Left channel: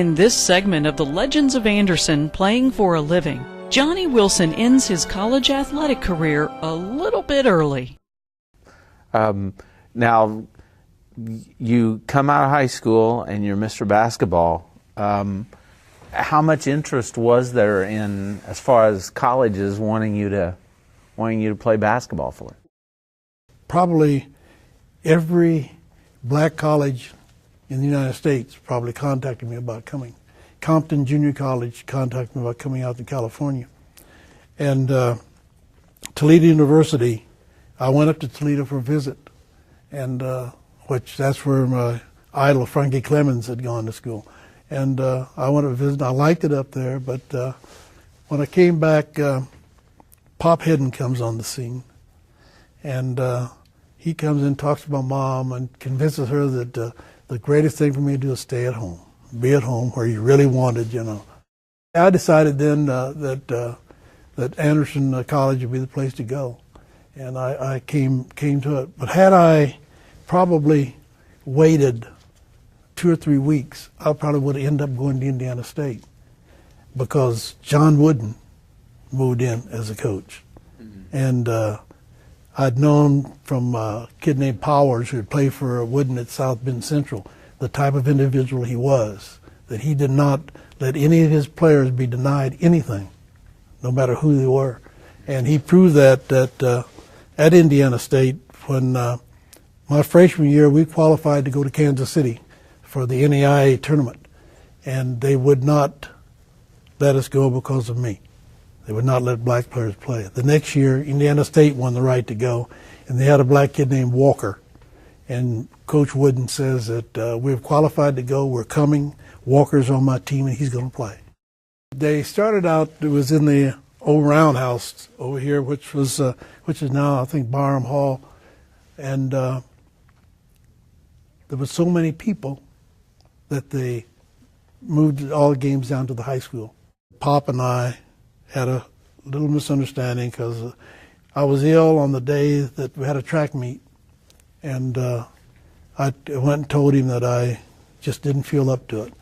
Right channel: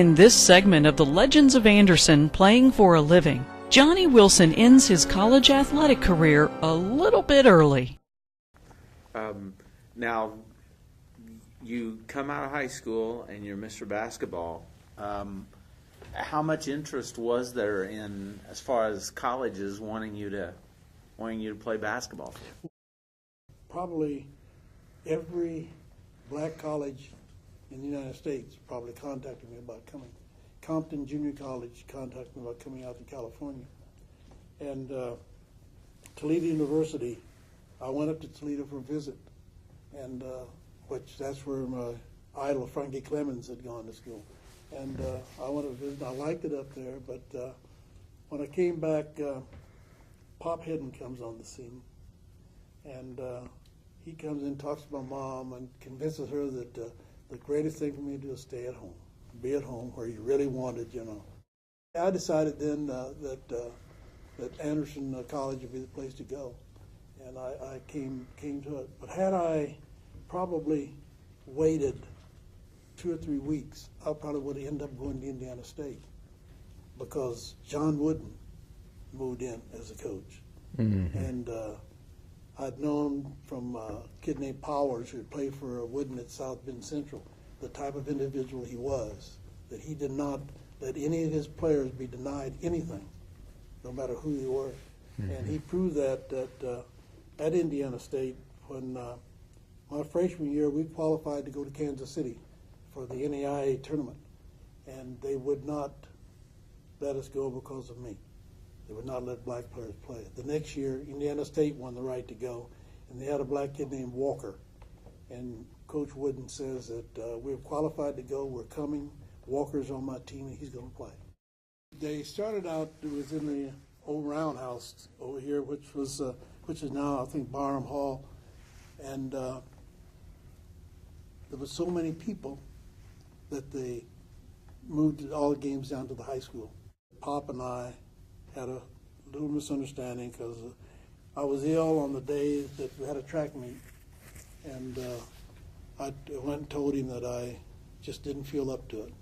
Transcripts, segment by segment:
In this segment of the Legends of Anderson Playing for a Living, Johnny Wilson ends his college athletic career a little bit early. Now, you come out of high school and you're Mr. Basketball. How much interest was there in, as far as colleges wanting you to play basketball for? Probably every black college in the United States probably contacted me about coming. Compton Junior College contacted me about coming out to California. And Toledo University, I went up to Toledo for a visit, and that's where my idol Frankie Clemens had gone to school. And I went to visit. I liked it up there, but when I came back, Pop Hedden comes on the scene, and he comes in, talks to my mom, and convinces her that the greatest thing for me to do is stay at home, be at home where you really wanted, you know. I decided then that Anderson College would be the place to go, and I came to it. But had I probably waited 2 or 3 weeks, I probably would have ended up going to Indiana State, because John Wooden moved in as a coach. Mm-hmm. And I'd known from a kid named Powers, who had played for Wooden at South Bend Central, the type of individual he was, that he did not let any of his players be denied anything, no matter who they were. Mm-hmm. And he proved that at Indiana State. When my freshman year, we qualified to go to Kansas City for the NAIA tournament, and they would not let us go because of me. They would not let black players play. The next year, Indiana State won the right to go, and they had a black kid named Walker. And Coach Wooden says that we've qualified to go, we're coming, Walker's on my team, and he's going to play. They started out, it was in the old roundhouse over here, which is now, I think, Barham Hall. And there were so many people that they moved all the games down to the high school. Pop and I had a little misunderstanding, because I was ill on the day that we had a track meet, and I went and told him that I just didn't feel up to it,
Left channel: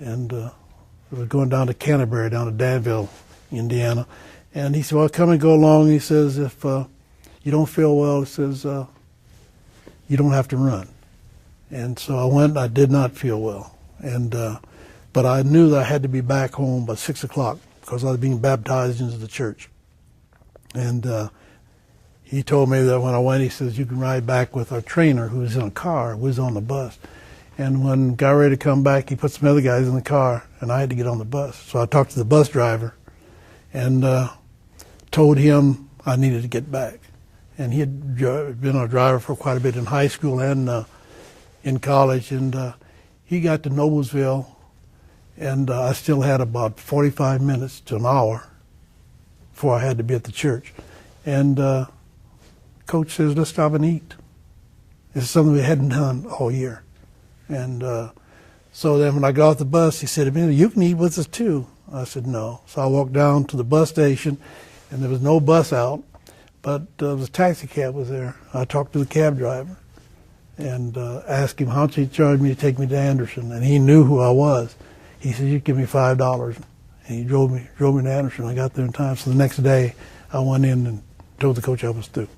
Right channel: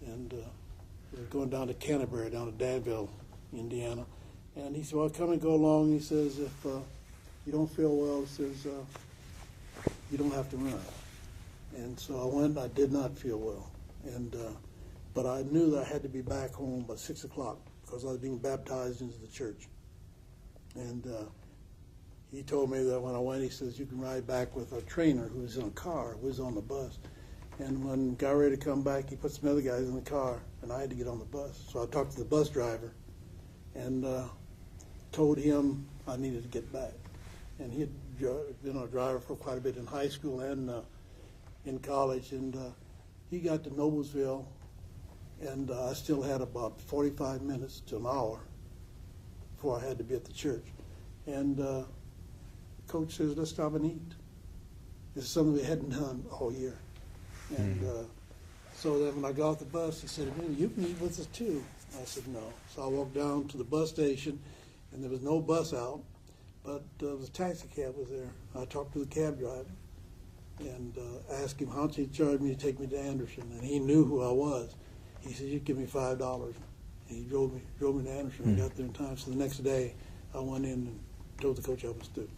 and we were going down to Canterbury, down to Danville, Indiana, and he said, well, come and go along. He says, if you don't feel well, he says, you don't have to run. And so I went. I did not feel well, and but I knew that I had to be back home by 6 o'clock, because I was being baptized into the church. And he told me that when I went, he says, you can ride back with our trainer, who was in a car, who was on the bus. And when I got ready to come back, he put some other guys in the car, and I had to get on the bus. So I talked to the bus driver and told him I needed to get back. And he had been a driver for quite a bit in high school and in college. And he got to Noblesville, and I still had about 45 minutes to an hour before I had to be at the church. And Coach says, let's stop and eat. It's something we hadn't done all year. And so then when I got off the bus, he said to me, you can eat with us too. I said, no. So I walked down to the bus station, and there was no bus out, but there was a taxi cab was there. I talked to the cab driver and asked him how much he'd charge me to take me to Anderson, and he knew who I was. He said, you give me $5. And he drove me to Anderson. I got there in time. So the next day, I went in and told the coach I was through.